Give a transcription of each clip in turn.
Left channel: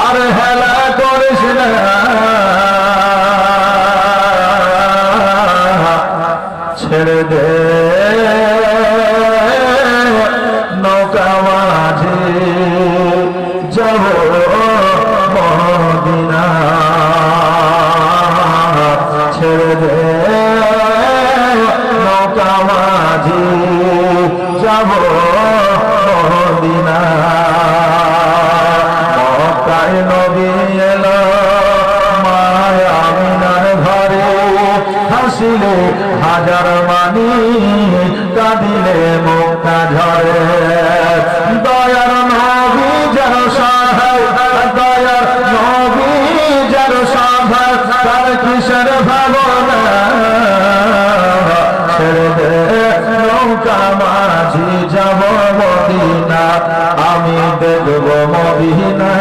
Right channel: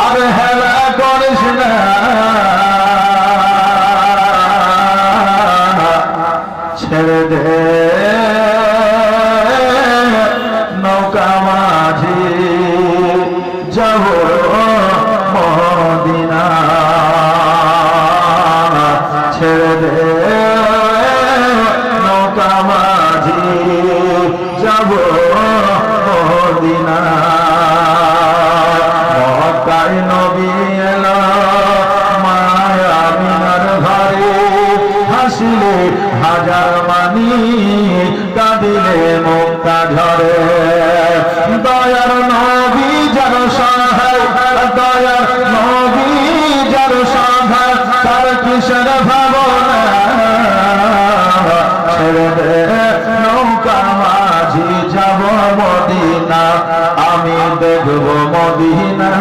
আর হেলা করিস না, ছেড়ে দে নৌকা মাঝি যাব মদিনা, ছেড়ে দে নৌকা মাঝি যাব মদিনা। মক্কায় নবী এলো মায়া আমিনার ঘরে, হাসিলে হাজার মানি কাঁদিলে মুক্তা ঝরে। দয়ার নবী যার সহায়, দয়ার নবী যার সহায়, তার কিসের ভাবনা, ছেড়ে দে নৌকা মাঝি যাব মদিনা, আমি দেখব মদিনা,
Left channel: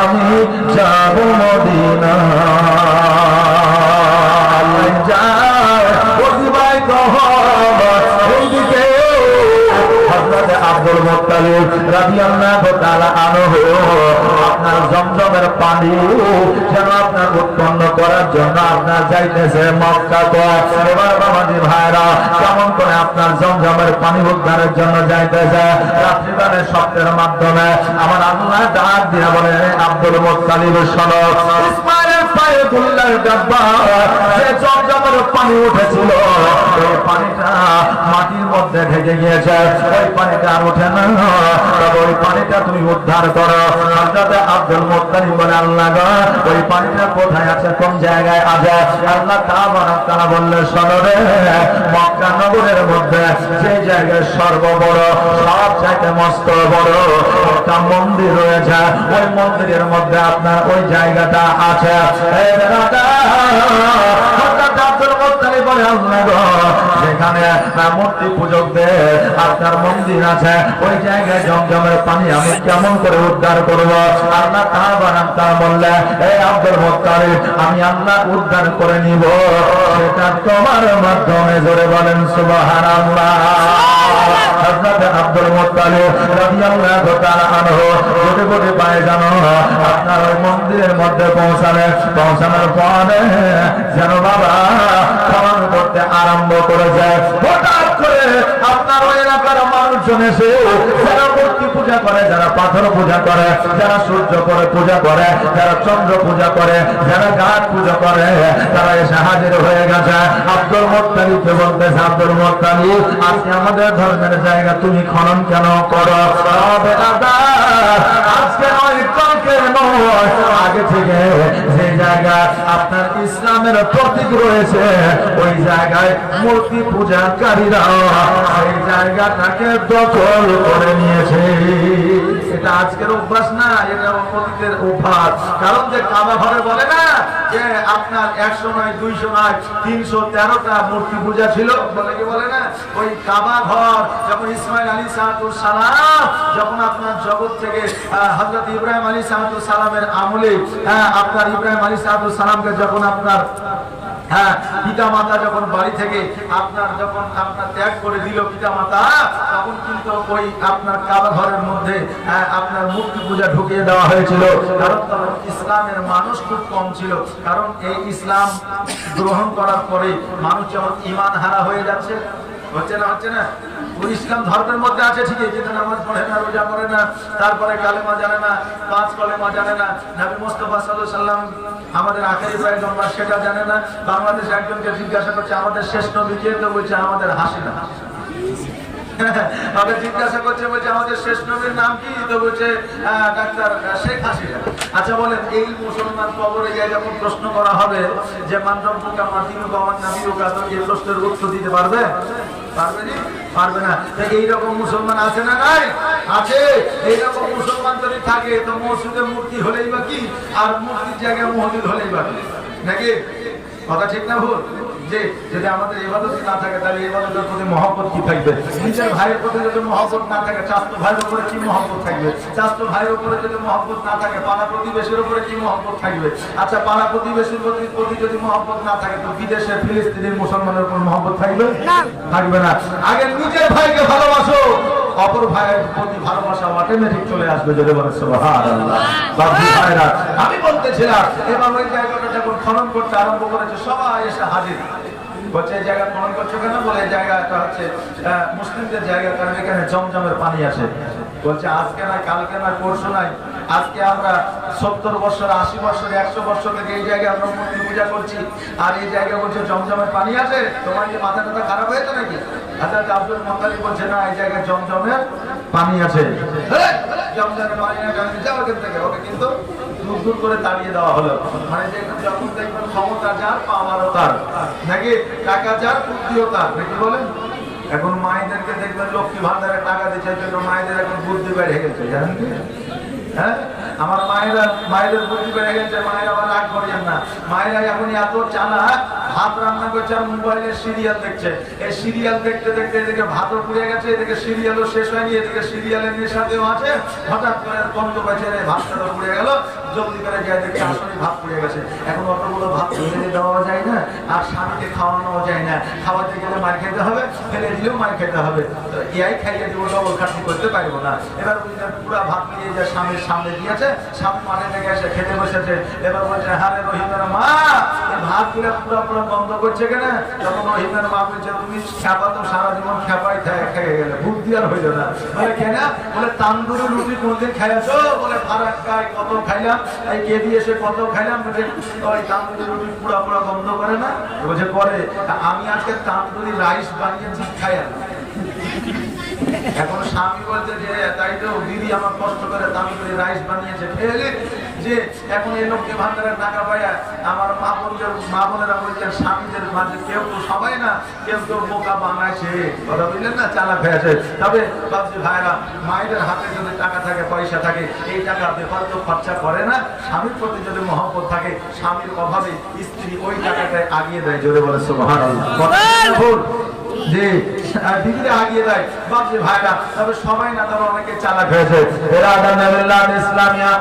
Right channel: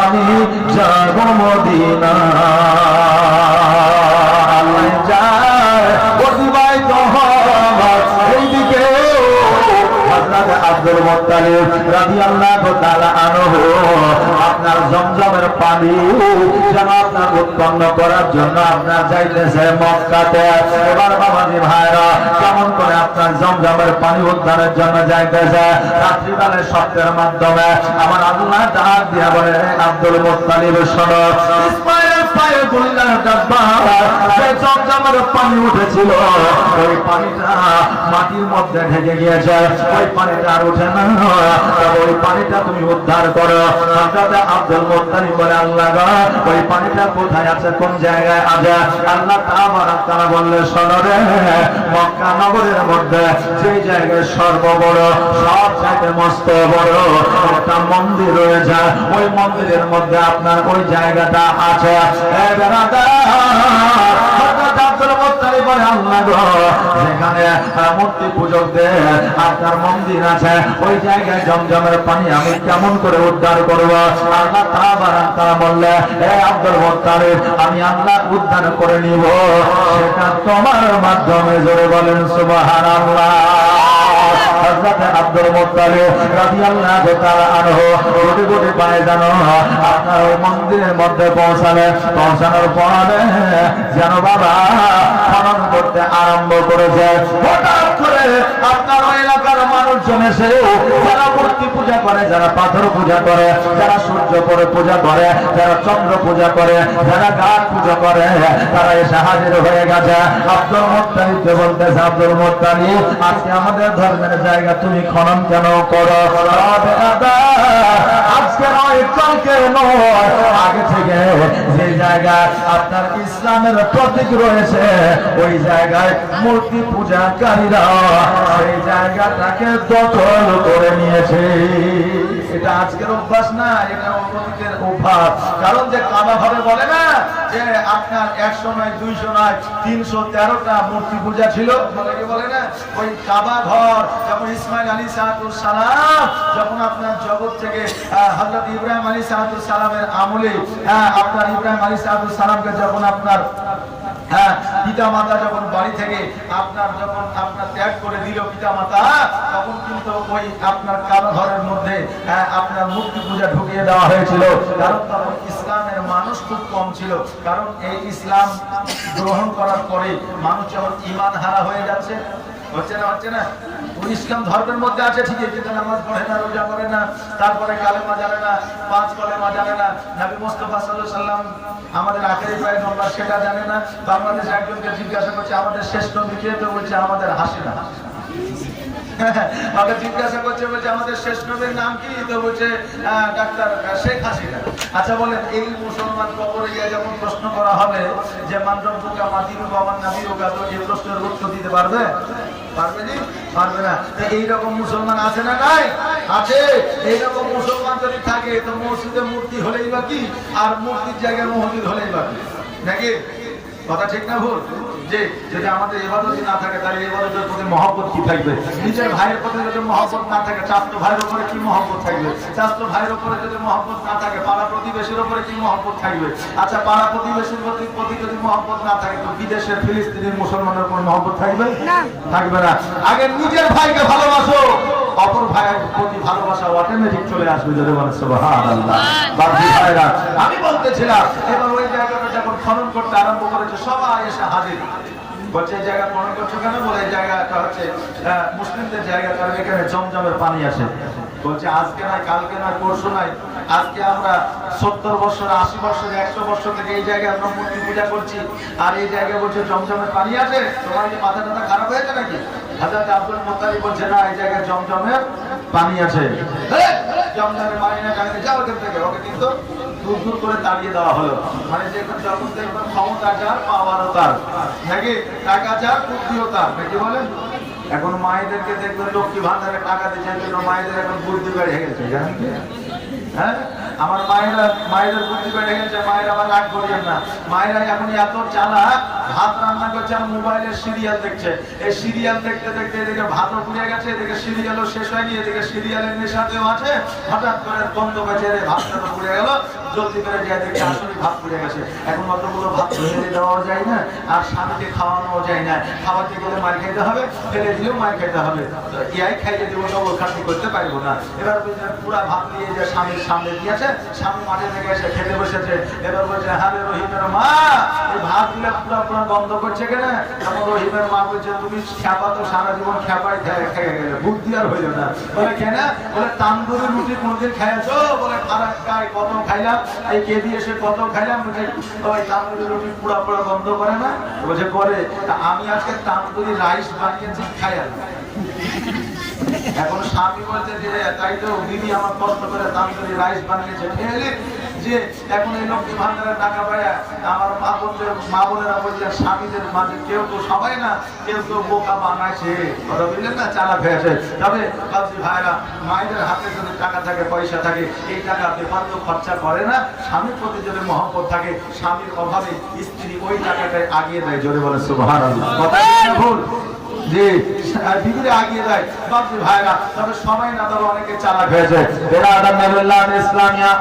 আমি যাব মদিনা। এইদিকে হযরত আব্দুল মুত্তালিব রাদিয়াল্লাহু তাআলা আনহু আপনার জমজমের পানি যেন আপনার উৎপন্ন করার জন্য আপনার যাইতেছে মক্কাতে। এবার বাবাজি ভাইরা কেমন করে আপনার জমজমের পানি উদ্ধারের জন্য যাইতেছে, রাত্রিকালের শব্দের মাধ্যমে আমার আল্লাহ ডাক দিয়া বলে, আব্দুল মুত্তালিব শোনো, ইসমাইলের পায়ে গুলির ডাব্বা যে জমজমের পানি উঠেছিল, ওই পানিটা মাটির মধ্যে ঢেকে গিয়েছে, ওই পানিটা আর ওঠে না, তবে ওই পানিটা তুমি উদ্ধার করো। হযরত আব্দুল মুত্তালিব বলে, আল্লাহ গো, ওই পানিটা কোথায় আছে, কোন জায়গায় আছে? আল্লাহ তাআলা বললে, শোনো রে, মক্কা নগরের মধ্যে যে জায়গায় সর্ববড়, সব চাইতে মস্ত বড় একটা মন্দির রয়েছে, ওই মন্দিরের মধ্যে আপনার ওই জায়গাটা আছে। যেখানে মূর্তি পূজকদের আপনার মন্দির আছে, ওই জায়গায় জমজমের পানি আমি কেমন করে উদ্ধার করবো? আল্লাহ তাআলা বললে, হে আব্দুল মুত্তালিব, আমি আল্লাহ উদ্ধার করে নিব, সেটা তোমার মাধ্যমে। জোরে বলেন সুবহানাল্লাহ। হযরত আব্দুল মুত্তালিব রাদিয়াল্লাহু তাআলা আনহু গোটে গোটে পায়ে জানো আপনার ওই মন্দিরের মধ্যে পৌঁছানোর পরে যেন বাবা খনন করতে আরম্ভ করেছে। হঠাৎ করে আপনার ওই এলাকার মানুষজন এসে যারা মূর্তি পূজা করে, যারা পাথর পূজা করে, যারা সূর্য পরে পূজা করে, যারা চন্দ্র পূজা করে, যারা গাছ পূজা করে, তারা এসে হাজির হয়ে গেছে। আব্দুল মুত্তালিবকে বলতেছে, আব্দুল মুত্তালিব, আজকে আমাদের ধর্মের জায়গা তুমি খনন কেন করো? আজকে নয়, কালকে নয়, আগে থেকে যে জায়গায় আপনার ইসলামের প্রতীক রয়েছে, ওই জায়গায় মূর্তি পূজাকারীরা সেই জায়গাটাকে দখল করে নিয়েছে। এটা আজকের অভ্যাস না, এটা অতীতের অভ্যাস। কারণ যে কাবা ঘরে বলে না যে আপনার 100 নয়, 200 নয়, 313টা মূর্তি পূজা ছিল, বলে কি বলে না? ওই কাবা ঘর যখন ইসমাইল আলাইহিস সালাম যখন আপনার জগৎ থেকে হযরত ইব্রাহিম আলাইহিস সালামের আমলে আপনার ইব্রাহিম আলাইহিস সালামকে যখন আপনার পিতা মাতা যখন বাড়ি থেকে আপনার যখন আপনার ত্যাগ করে দিল পিতা মাতা, তখন কিন্তু ওই আপনার কাবা ঘরের মধ্যে আপনার মূর্তি পূজা ঢুকিয়ে দেওয়া হয়েছিল। কারণ তখন ইসলামের মানুষ খুব কম ছিল। কারণ এই ইসলাম গ্রহণ করার পরে মানুষ যখন ঈমান হারা হয়ে যাচ্ছে, হচ্ছে না ইসলাম ধর্মের মধ্যে আছে ঠিকই, কিন্তু নামাজ পড়ে না, রোজা করে না, তারপরে কালেমা জানে না, 5 কলেমা জানে না, নবী মুস্তাফা সাল্লাল্লাহু আলাইহি সাল্লাম আমাদের আখেরি পয়গম্বর সেটা জানে না। বাংলাদেশে একজনকে জিজ্ঞাসা করছে আমাদের শেষ নবী কে, তো বলছে আমাদের হাসিনা। আমাদের জিজ্ঞাসা করছে, বলছে আমাদের শেষ নবীর নাম কি, তো বলছে ডাক্তার শেখ হাসিনা। আচ্ছা বলেন, এই মুসলমান কবরে গিয়ে যখন প্রশ্ন করা হবে যে মান রব্বুকা মা দীনুকা ওয়া নবিয়ুকা, তো এই প্রশ্নের উত্তর দিতে পারবে? পারবে জি? পারবে না। তো এইরকম মুসলমান আছে না নাই? আছে। এইরকম মুসলমান যদি থাকে তো মসজিদে মূর্তি হলেই বা কি, আর মূর্তির জায়গায় মসজিদ হলেই বা কি, নাকি? কথা ঠিক না ভুল? যে যদি আমাদের ইবাদতই না থাকে, তাহলে ইবাদতের প্রতি মহব্বত কি থাকবে? নিজের ভাইয়ের প্রতি যদি মহব্বত না থাকে, চাচতো ভাইয়ের উপরে কি মহব্বত থাকবে? চাচতো ভাইয়ের উপরে যদি মহব্বত না থাকে, পাড়া প্রতিবেশীর উপরে কি মহব্বত থাকবে? আচ্ছা, পাড়া প্রতিবেশীর প্রতি যদি মহব্বত না থাকে, তো বিদেশের ফিলিস্তিনি মুসলমানের উপর মহব্বত থাকবে? থাকবে না। আগে নিজের ভাইকে ভালোবাসো, অপর ভাইয়ের প্রতি ভালোবাসা অটোমেটিক চলে আসবে। যদি বলে সুবহানাল্লাহ। বাপজি ভাইরা, আমি বলতেছিলাম এবার ওই জায়গাটা যখন খনন করতে আরম্ভ করেছে সবাই এসে হাজির। বলছে এই জায়গা খনন করছো কেন? বলে এই জায়গাটা হচ্ছে মুসলিমদের জায়গা, কারণ এখানে জমজমের পানি আছে। বলছে আজকে নাই, কালকে নাই, পরশু নাই, আজকে আমরা 70 বছর, 80 বছর, 100 বছর থেকে এই জায়গায় আমরা মূর্তি পূজা করছি, আর এই জায়গায় বলছে জমজমের পানি আছে। তোমার কি মাথা টাথা খারাপ হয়েছে নাকি? হযরত আব্দুল মুত্তালিব বলছে না, এই জায়গায় জমজমের পানি আছে। জমজমের পানি না, যাও এখান থেকে। ওকে কিন্তু দূর দূর করে তাড়িয়ে দেওয়া হলো। মানে যে যখন দেখবেন ক্ষমতা যার, পাওয়ারও তার, নাকি টাকা যার, বুদ্ধিও তার, নাকি বলেন? এখন মায়েদেরকে দেখবেন লক্ষ্মী ভান্ডারে টাকা দিচ্ছে, মায়েদের এখন বুদ্ধি বেড়ে গেছে, জানেন কি? হ্যাঁ, আমার মায়েদের বুদ্ধি বেড়ে গেছে। মায়েরা আবার রাগ করিয়েন না, মায়েরা এখন এত চালাক, ভাত রান্না করছে আর মোবাইলে সিরিয়াল দেখছে। এই সিরিয়াল দেখতে দেখতে এদিকে ভাতও পুড়ে গেছে, এদিকে সিরিয়ালও শেষ হয়নি, এদিকে সিরিয়ালের নেশাতেও আছে। হঠাৎ করে গন্ধ পেয়েছে, ভাতটা তো পুড়ে গেল, জলদি করে যায় দেখে আসলে ভাত পুড়ে গেছে। এখন অতগুলো ভাত ফেলে দেওয়া যায় না, আর স্বামীকে খাওয়ানো যায় না। খাওয়াতে গেলে মার খেতে হবে, ফেলে দিলেও মার খেতে হবে। ইয়াই খাইয়ে দিব, ডবল খাটনি করতে পারবো না। এবার বুঝলেন পুরা ভাত নিয়ে যায় স্বামীর সামনে দিয়েছে, স্বামী মাঠে থেকে এসে খেতে বসেছে। এবার বলছে হারে রহিমের মা, এই ভাত গুলা পুরো পুরো বন্ধ করছে কেন? তখন রহিমের মা বলছে তুমি খেপা তো সারা জীবন খেপাই খেয়ে গেলে, বুদ্ধি আর হইল না। বলে কেন? বলে তান্দুরি রুটি কোনদিন খাইছো? বলে ফারাক্কায় কত খাইলাম, এই কে দিয়ে এসে কত খাইলাম। ওই তান্দুরি রুটি পুরা পুরা বন্ধ করে না? বলছে করে। আমি আজকে তান্দুরি রাইস বানিয়েছি, খাইয়া। এখন স্বামী বলছে যে তাই তো দিদি আমার কষ্ট করে তান্দুরি রাইস বানিয়েছে, খেয়ে যে এখন এই লোককে ভান্ডারের টাকা পাইয়া আমার মা বোনেরা বলছে স্বামীদের মাঝে কেউ তো সবাই না, কেউ তো বোকা বানাইছে, কথা বুঝলেন না, চালাক হয়েছে। তবে বাবজি ভাইরা, মায়েদের হাতে যদি টাকা থাকে, পয়সা থাকে, এই টাকা বেফালতু খরচা করে না। স্বামীর প্রতি যদি মহব্বত থাকে, স্বামীর অভাবে স্ত্রী ওই টাকাটাই আগিয়ে দেয়। জোরে বলে সুবহানাল্লাহ। জি, দিদিরা আগিয়ে দেয় বাবজি ভাইরা। তবে সবাই না, তবে অনেকে চালাক হয়েছে। ইসলামিয়া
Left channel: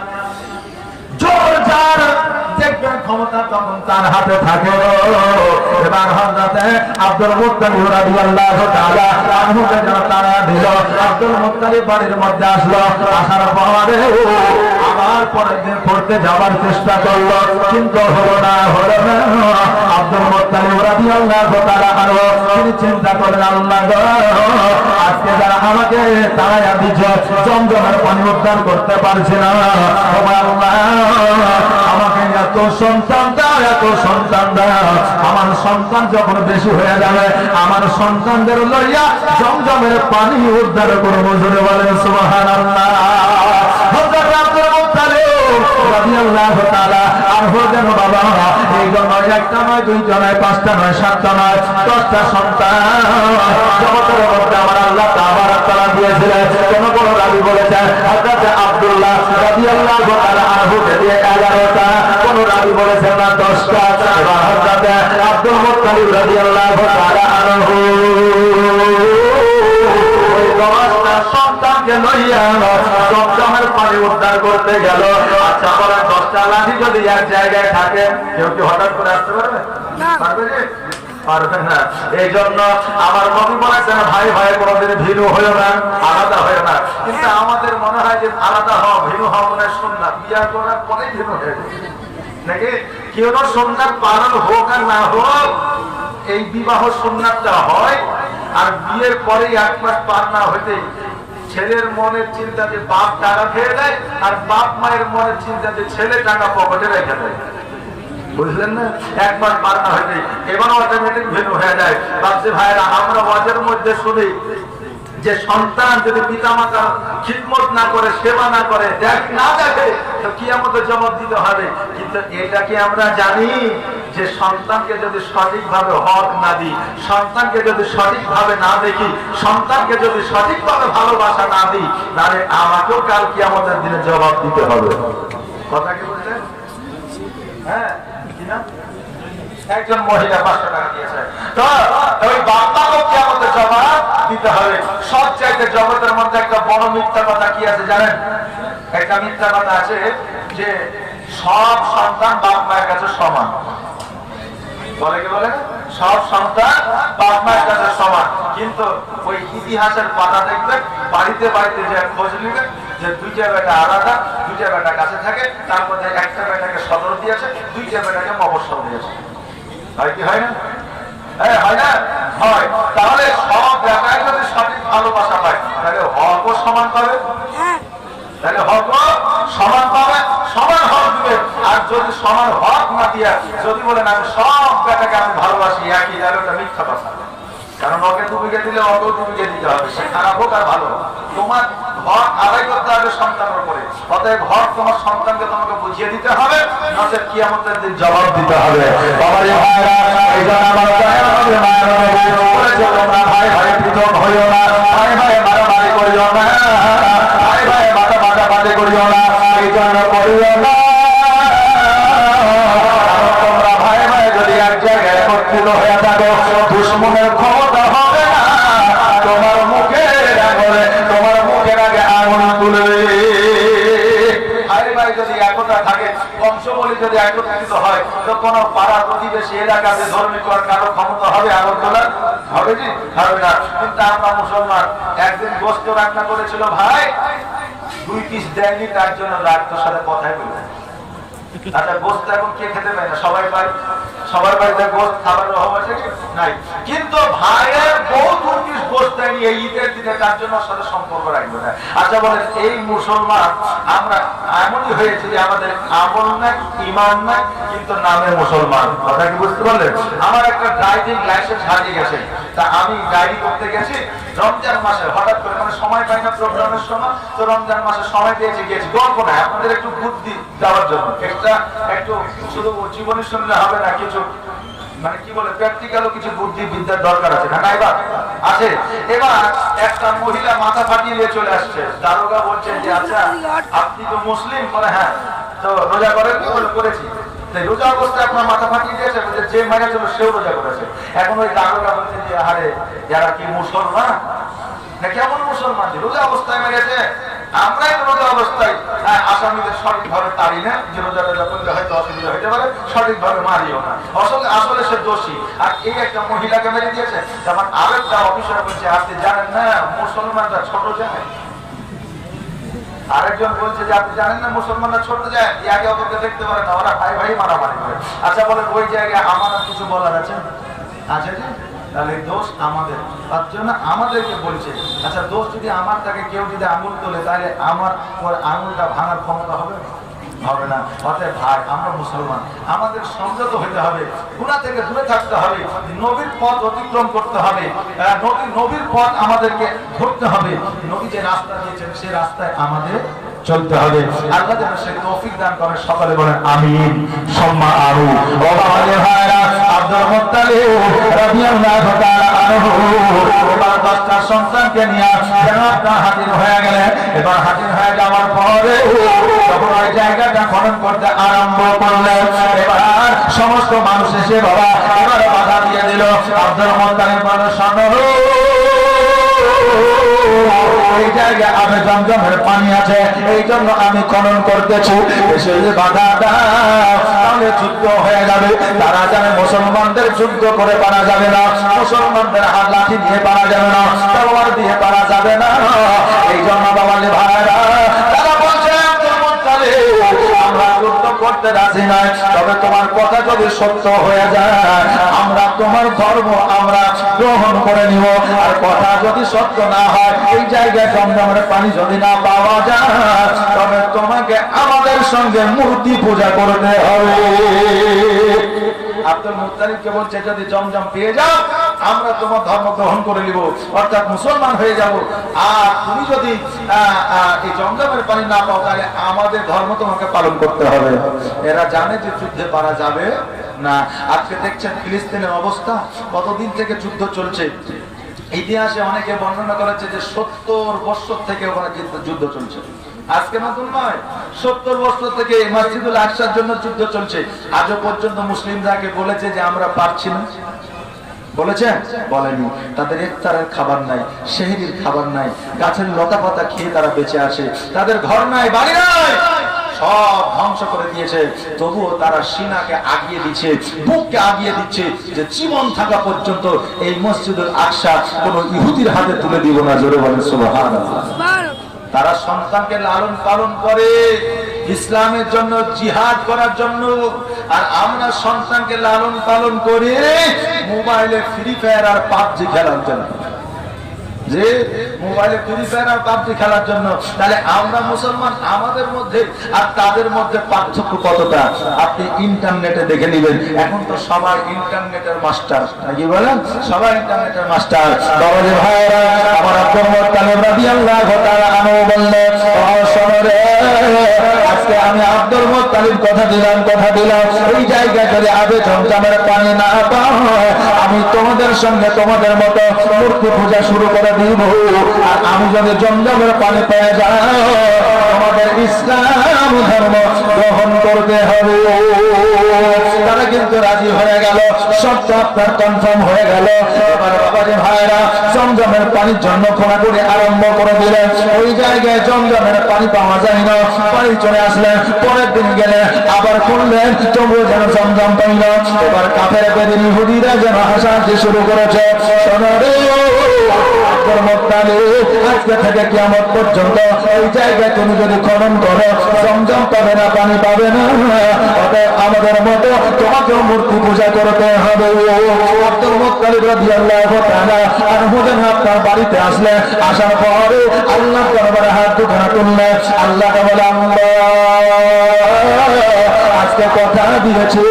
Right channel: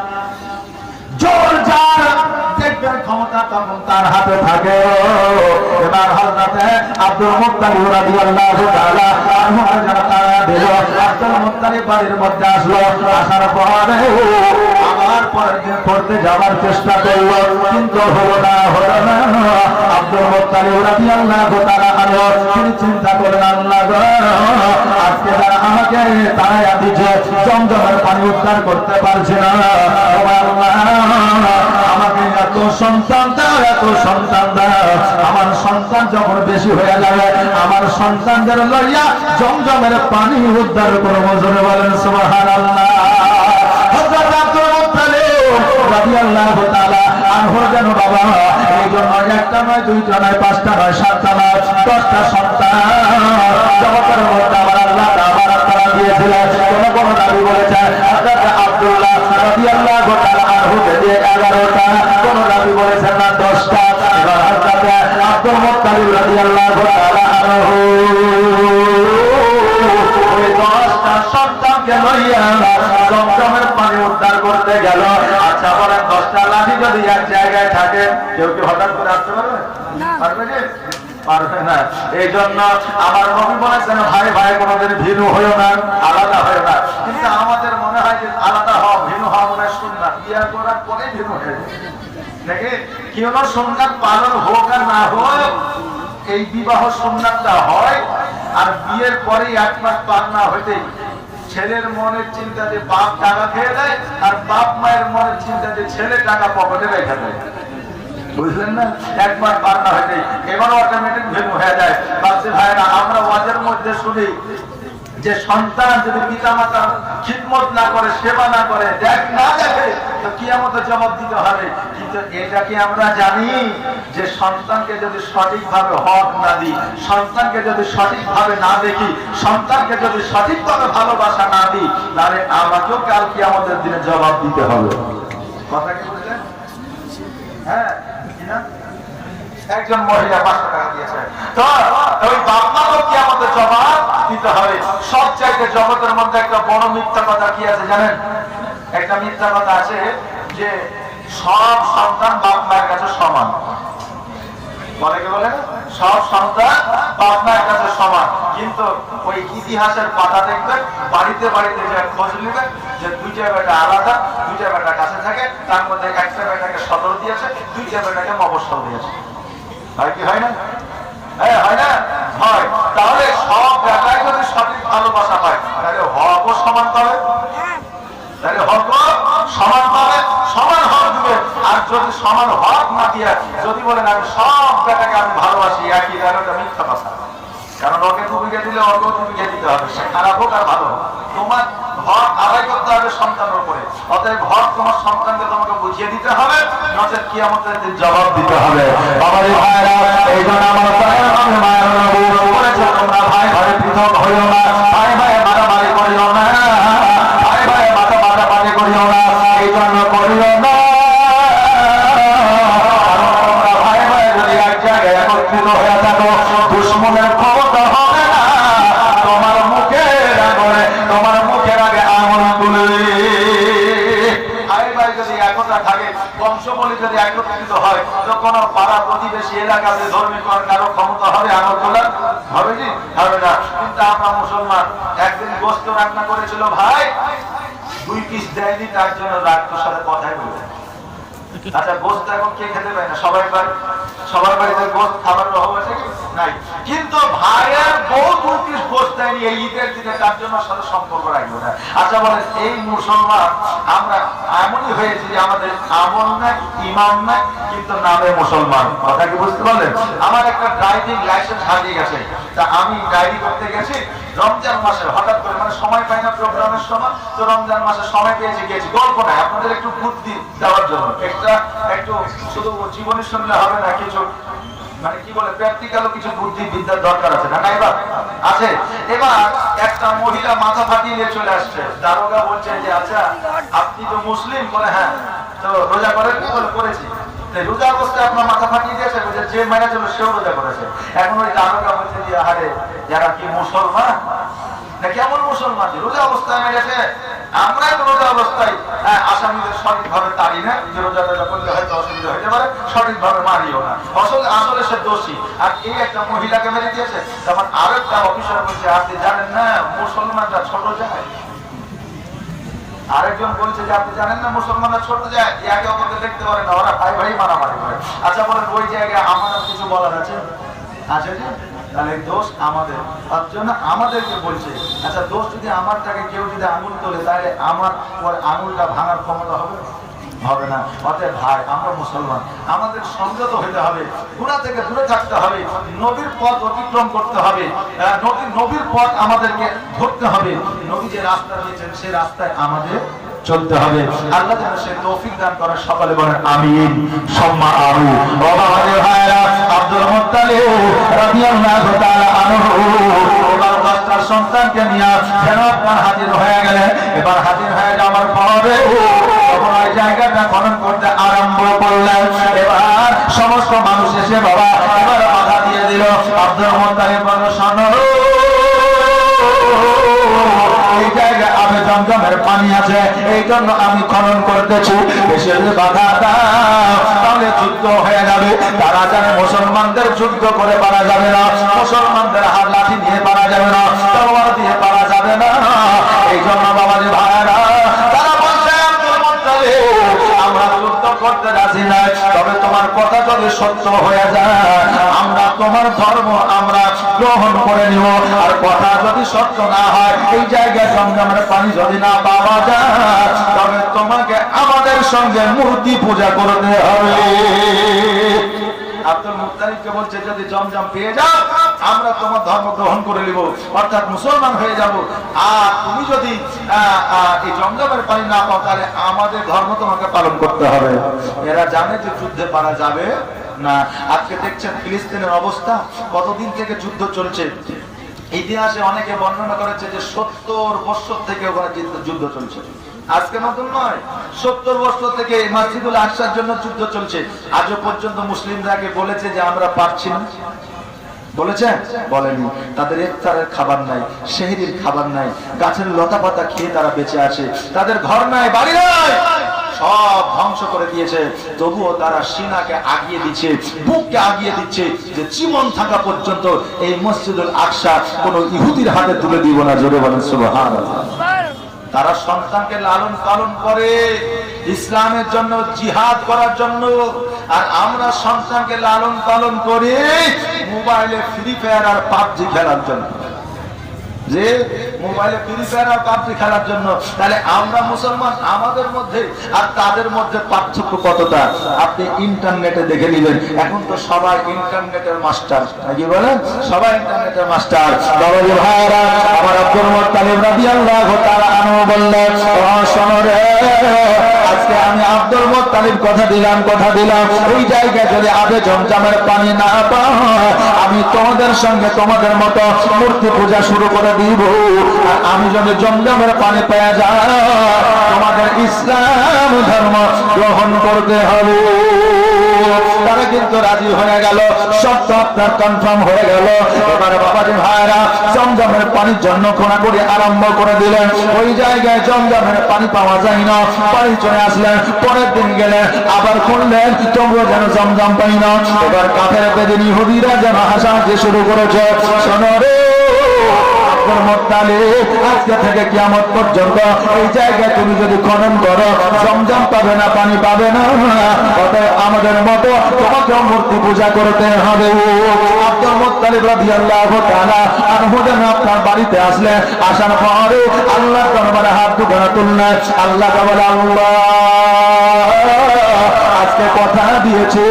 জোর যার দেখবেন ক্ষমতা তখন তার হাতে থাকে। এবার হযরতে আব্দুল মুত্তালিব রাদিয়াল্লাহু তাআলা আনহুকে যারা তারা দিল, আব্দুল মুত্তালিব বাড়ির মধ্যে আসলো। আসার পরে আবার পরের দিন পড়তে যাওয়ার চেষ্টা করলো, কিন্তু হলো না। আব্দুল মুত্তালিব রাদিয়াল্লাহু তাআলা আনহু তিনি চিন্তা করলেন, আল্লাহ গো, আজকে যারা আমাকে তাড়াইয়া দিচ্ছে, জমজমের পানি উদ্ধার করতে পারছে না, আমাকে এত সন্তান দাও, এত সন্তান দাও। আমার সন্তান যখন বেশি হয়ে যাবে, আমার সন্তানদের লইয়া জমজমের পানি উদ্ধার করবো। জোরে বলেন সুবহানাল্লাহ। হযরত আব্দুল মুত্তালিব রাদিয়াল্লাহু তাআলা আনহু যেন বাবা এই জন্য একটা নয়, দুইটা নয়, পাঁচটা নয়, সাতটা নয়, 10টা সন্তান জগতের মধ্যে আমার আল্লাহ তাবারক তাআলা দিয়েছিলেন। কোন রাবী বলেছে হযরত আব্দুল্লাহ রাদিয়াল্লাহু তাআলা আনহুকে দিয়ে 11টা, কোন রাবী বলেছেন না 10টা। এবার হযরত আব্দুল মুত্তালিব রাদিয়াল্লাহু তাআলা আনহু ওই 10টা সন্তানকে লইয়া জমজমের পানি উদ্ধার করতে গেল। আচ্ছা বলেন, 10টা লাঠি যদি এক জায়গায় থাকে, কেউ কি হঠাৎ করে আসতে পারবে? পারবে যে? পারবে না। এই জন্য আমার নবী বলেছেন, ভাই ভাই কোনদিন ভিন্ন হয়েও না, আলাদা হয়েও না। কিন্তু আমাদের মনে হয় যে আলাদা হওয়া, ভিন্ন হওয়া মনে হয় সুন্নাত, বিয়ে করার পরেই ভিন্ন হয়ে যাবে নাকি? কেউ সুন্নাত পালন হোক আর না হোক, এই বিবাহ সুন্নাতটা হয়। আর বিয়ের পরেই 1 মাস পার না হইতেই ছেলের মনের চিন্তা যে বাপ টাকা খেয়ে দেয়, আর বাপ মায়ের মনের চিন্তা যে ছেলে টাকা পকেটে রেখে দেয়। বুঝলেন না? 1 মাস পার না হইতে এবার অটোমেটিক ভিন্ন হয়ে যায়। বাপজি ভাইরা, আমরা মাঝের মধ্যে শুনি যে সন্তান যদি পিতামাতা খিদমত না করে, সেবা না করে, না দেখে, তো কিয়ামতে জবাব দিতে হবে। কিন্তু এটা কি আমরা জানি যে সন্তানকে যদি সঠিকভাবে হক না দিই, সন্তানকে যদি সঠিকভাবে না দেখি, সন্তানকে যদি সঠিকভাবে ভালোবাসা না দিই, তাহলে আমাকেও কাল কিয়ামতের দিনে জবাব দিতে হবে। কথা কি বুঝলেন? হ্যাঁ, একজন মহিলা 500 টাকা দিয়েছে, তো ওই বাপমাকেও কিয়ামতের জবাব দিতে হবে। সব চাইতে জগতের মধ্যে একটা বড় মিথ্যা কথা কি আছে জানেন? একটা মিথ্যা কথা আছে যে সব সন্তান বাপ মায়ের কাছে সমান। বলে কি বলে? সব সন্তান বাপ মায়ের কাছে সমান। কিন্তু ওই ইতিহাসের পাতা দেখবেন, বাড়িতে বাড়িতে যে খোঁজ নেবেন যে দুইটা বেটা আলাদা, দুইটা বেটা কাছে থাকে, তার মধ্যে একটা বেটাকে সদর দিয়েছে, দুইটা বেটাকে মবসর দিয়েছে। হয় কি হয় না? হয় না? হয়। তাহলে সব বেটায় যদি সঠিক ভালোবাসা হয় তাহলে হকও সমান পাবে, তাহলে হকও সমান পাবে, সমান হক দিবে। আর যদি সমান হক না দিয়ে যদি বলেন আমি সব বেটাকে আমি ভালোবাসি একই, তাহলে ওটা মিথ্যা কথা। কারণ ওকে দুবিঘে দিলে ওকেও দুবিঘে দিতে হবে, সে খারাপ হোক আর ভালো হোক। তোমার হক আদায় করতে হবে সন্তানের উপরে, অতএব হক তোমার সন্তানকে তোমাকে বুঝিয়ে দিতে হবে, নচেৎ কিয়ামতের দিন জবাব দিতে হবে। বাবারে ভাইরা, এই জন্য আমার বলেছে তোমরা ভাই ভাই পৃথক হইও না, ভাই ভাই মারামারি করিও না, ভাই ভাই মারামারি করিও না, এই জন্য করিও না। তোমরা ভাই ভাই যদি এক জায়গায় একত্রিত হয়ে থাকো, দুশ্মনের ক্ষমতা হবে না তোমার মুখের আগুনে, তোমার মুখের আগে আগুন তুলে। ভাই ভাই যদি একতা থাকে, বংশবলী যদি একত্রিত হয়, তো কোন পাড়া প্রতিবেশী এলাকাতে ধর্মী কারো ক্ষমতা হবে আমল তোলার? হবে কি? হবে না। কিন্তু আমরা মুসলমান একদিন গোস্ত রান্না করেছিল ভাই, 2 পিস দেয়নি, তার জন্য রাত্রের সাথে কথাই বলে। আচ্ছা গোস্ত এখন কে খেতে পায় না? সবাই পায়, সবার বাড়িতে গোস্ত খাবার অভাব আছে কি? নাই। কিন্তু ভাইয়ের বউ 2 পিস গোস্ত দেয়নি এই ঈদের দিনে, তার জন্য সাথে সম্পর্ক রাখবে না। আচ্ছা বলেন, এই মুসলমান আমরা এমনই হয়েছে যে আমাদের আমল নাই, ইমান নাই, কিন্তু নামে মুসলমান। কথা কি বুঝতে পারলেন? আমার একটা ড্রাইভিং লাইসেন্স হারিয়ে গেছে, তা আমি ডায়েরি করতে গেছি রমজান মাসে, হঠাৎ করে মানে সময় পাই না প্রোগ্রামের সময়, তো রমজান মাসে সময় পেয়েছি, গিয়েছি। গল্প নাই, আপনাদের একটু বুদ্ধি দেওয়ার জন্য, একটা একটু শুধু জীবনী শুনলে হবে না, কিছু মানে কি বলে প্র্যাকটিক্যালও কিছু বুদ্ধি বিদ্যার দরকার আছে না? এবার আছে। এবার একটা মহিলা মাথা ফাটিয়ে নিয়ে চলে আসছে, দারোগা বলছে যে আচ্ছা আপনি তো মুসলিম? বলে হ্যাঁ। তো রোজা করেন? করেছি। রোজা অবস্থায় আপনার মাথা ফাটিয়ে দিয়েছে, যে মারা ছিল সেও রোজা করেছে। এখন ওই দারোগা বলছে যে আরে যারা কি মুসলমান না কেমন মুসলমান, রোজা অবস্থায় মেরেছে, আমরাই তো রোজা অবস্থায় আসামিদের সঠিকভাবে তাড়ি না, যে রোজা টোজা করলে হয়তো অসুবিধা হতে পারে, সঠিকভাবে মারিও না, আসলে সে দোষী। আর এই একটা মহিলাকে মেরে দিয়েছে। যেমন আরেকটা অফিসার বলছে আপনি জানেন না মুসলমানরা ছোট যায়। আরেকজন বলছে যে আপনি জানেন না মুসলমানরা ছোট যায়, একে অপরকে দেখতে পারে না, ওরা ভাই ভাই মারামারি করে। আচ্ছা বলেন ওই জায়গায় আমার কিছু বলার আছে? আছে যে তাহলে দোষ আমাদের, তার জন্য আমাদেরকে বলছে। আচ্ছা দোষ যদি আমার থাকে, কেউ যদি আঙুল তোলে, তাহলে আমার আঙুলটা ভাঙার ক্ষমতা হবে? হবে না। অতএব ভাই আমরা মুসলমান, আমাদের সংযত হইতে হবে, গুনাহ থেকে দূরে থাকতে হবে, নবীর পথ অতিক্রম করতে হবে, নবীর পথ আমাদেরকে ধরতে হবে, নবী যে রাস্তা দিয়েছেন সে রাস্তায় আমাদের চলতে হবে। আল্লাহ যেন সেই তৌফিক দান করেন। সকলে বলেন আমিন সুম্মা আমিন। বাবারে ভাইরা, আব্দুল মুত্তালিব রাদিয়াল্লাহু তাআলা আনহু এবার 10টা সন্তানকে নিয়ে জান্নাতে হাজির হয়ে গেলেন। এবার হাজির হয়ে যাওয়ার পরে ওই জায়গাটা খনন করতে আরম্ভ করলেন। এবার সমস্ত মানুষ এসে বাবা এবার বাধা দিয়ে দিল। আব্দুল মুত্তালিব বলল শোনো, এই জায়গায় আবে জমজমের পানি আছে, এই জন্য আমি খনন করতেছি, এসে বাধা দাও তাহলে যুদ্ধ হয়ে যাবে। তারা জানে মুসলমানদের যুদ্ধ করে পারা যাবে না, মুসলমানদের হাত লাঠি দিয়ে পারা যাবে না, তলোয়ার দিয়ে পারা যাবে না। এই জন্য বাবাজি ভাইরা তারা বলছে আমরা যুদ্ধ করতে রাজি নাই, তবে তোমার কথা যদি সত্য হয়ে যায় আমরা তোমার ধর্ম আমরা গ্রহণ করে নিব। আর কথা যদি সত্য না হয়, এই জায়গায় জমজমের পানি যদি না পাওয়া যায়, তবে তোমাকে আমাদের সঙ্গে মূর্তি পূজা করতে হবে। আব্দুল মুত্তালিবকে বলছে যদি জমজম পেয়ে যাও আমরা তোমার ধর্ম গ্রহণ করে নিব, অর্থাৎ মুসলমান হয়ে যাব। আর তুমি যদি এই জমজমের পানি না পাও, তাহলে আমাদের ধর্ম তোমাকে পালন করতে হবে। এরা জানে যে যুদ্ধে পারা যাবে না। আজকে দেখছেন ফিলিস্তিনের অবস্থা, কতদিন থেকে যুদ্ধ চলছে। ইতিহাসে অনেকে বর্ণনা করেছে যে 70 বছর থেকে ওখানে যুদ্ধ চলছে। আজকে নতুন নয়, 70 বছর থেকে মসজিদুল আকসার জন্য যুদ্ধ চলছে। আজও পর্যন্ত মুসলিমরা বলেছে যে আমরা পারছি না, বলেছেন? বলেনি। তাদের ইফতারের খাবার নাই, সেহরির খাবার নাই, গাছের লতা পাতা খেয়ে তারা বেঁচে আসে, তাদের ঘর নাই, বাড়ি নাই, সব ধ্বংস করে দিয়েছে, তবুও তারা সিনাকে আগিয়ে দিচ্ছে, বুককে আগিয়ে দিচ্ছে যে জীবন থাকা পর্যন্ত এই মসজিদুল আকসা কোন ইহুদির হাতে তুলে দিব না। জোরে বলেন সুবহানাল্লাহ। তারা সন্তানকে লালন পালন করে ইসলামের জন্য, জিহাদ করার জন্য, আর আমরা সন্তানকে লালন পালন করি মোবাইলে ফ্রি ফায়ার আর পাবজি খেলার জন্য। যে মোবাইলে ফ্রি ফায়ার আর পাবজি খেলার জন্য, তাহলে আমরা মুসলমান, আমাদের মধ্যে আর তাদের মধ্যে পার্থক্য কতটা আপনি ইন্টারনেটে দেখে নেবেন। এখন তো সবাই ইন্টারনেটের মাস্টার, নাকি বলেন? সবাই ইন্টারনেটের মাস্টার। বাবাজি ভাইরা, আমার আব্দুল মুত্তালিব রাদিয়াল্লাহু তাআলা আনহু বললেন, ও শোনো রে, আজকে আমি আব্দুল মুত্তালিব কথা দিলাম ওই জায়গায় যদি আবে জমজমের পানি না পায়, আমি তোমাদের সঙ্গে তোমাদের মতো মূর্তি পূজা শুরু করে দিব। আর আমি যদি জমজমের পানি পেয়ে যাই, তোমাদের ইসলাম ধর্ম গ্রহণ করতে হবে। তারা কিন্তু রাজি হয়ে গেল, শর্ত আপনার কনফার্ম হয়ে গেল। এবার বাবাজি ভাইরা জমজমের পানির জন্য খোঁড়াখুঁড়ি আরম্ভ করে দিলেন। ওই জায়গায় জমজমের পানি পাওয়া যায় না, বাড়ি চলে আসলেন। পরের দিন গেলেন, আবার খুললেন, তবুও যেন জমজম পাই না। এবার কাফের বেদিন ইহুদিরা যেন হাসাহাসি শুরু করেছে। শোনো রে আজকে থেকে কিয়ামত পর্যন্ত এই জায়গায় তুমি যদি খনন করো, জমজম পাবে না, পানি পাবে না। অতএব আমাদের মতো তোমাকে মূর্তি পূজা করতে হবে। আব্দুল মুত্তালিব রাদিয়াল্লাহু তাআলা আনহু যেন আপনার বাড়িতে আসলে, আসার পরে আল্লাহর দরবারে হাত দুটো তুললেন। আল্লাহকে বলে, আল্লাহ আজকে কথা দিয়েছি,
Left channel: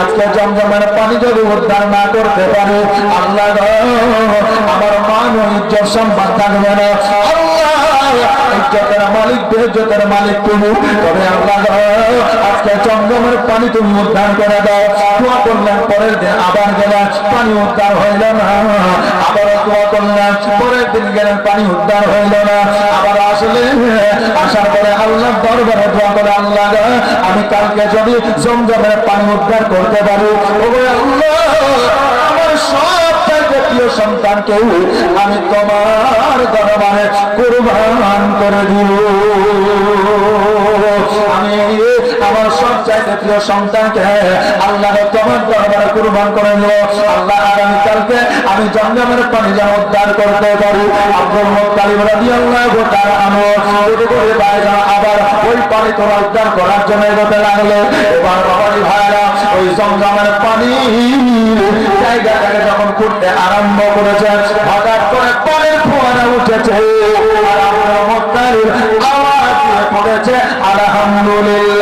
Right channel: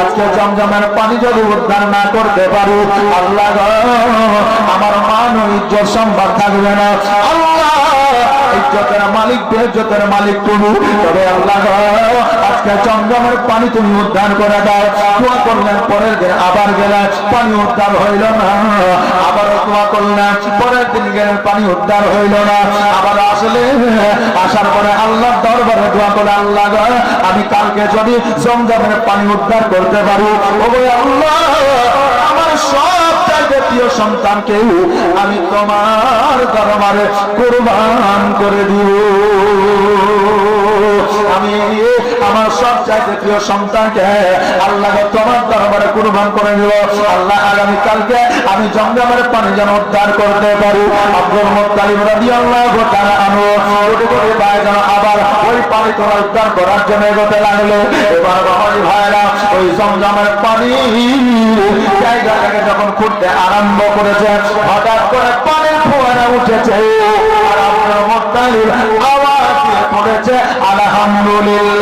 আজকে জমজমের পানি যদি উদ্ধার না করতে পারি, আল্লাহ আমার মান ও ইজ্জত সম্মান থাকবে না। ইজ্জতের মালিক, বেইজ্জতের মালিক তুমি। তবে আল্লাহ আজকে জমজমের পানি তুমি উদ্ধার করে দাও। দোয়া করলেন, পরের দিন আবার গেলেন, পানি উদ্ধার হইল না। আবারও দোয়া করলেন, পরের দিন গেলেন, পানি উদ্ধার হইল না। আবার আসলেন, আসার পরে আল্লাহর দরবারে দোয়া করে, আল্লাহ আমি কালকে যদি জমজমের পানি উদ্ধার করতে পারি, ওরে আল্লাহ আমার সব প্রিয় সন্তানকে আমি তোমার দরবারে কুরবান করে দিব। আমি আমার সব চাইতে প্রিয় সন্তানকে আল্লাহ তোমার দরবারে কুরবান করে দিল। আল্লাহ আগামীকালকে আমি জমজমের পানি যেন উদ্ধার করতে পারি। আব্দুল মুত্তালিব রাদিয়াল্লাহু তাআলা আনহু ছুটে করে বাইরে আবার ওই পানি তোলা উদ্ধার করার জন্য এগোতে লাগলো। এবার বাবাজি ভাইরা ওই জমজমের পানি জায়গাটাকে যখন ফুটতে আরম্ভ করেছে, হঠাৎ করে পানির ফোয়ারা উঠেছে। আর আব্দুল মুত্তালিব আওয়াজ দিয়ে পড়েছে, আলহামদুলিল্লাহ।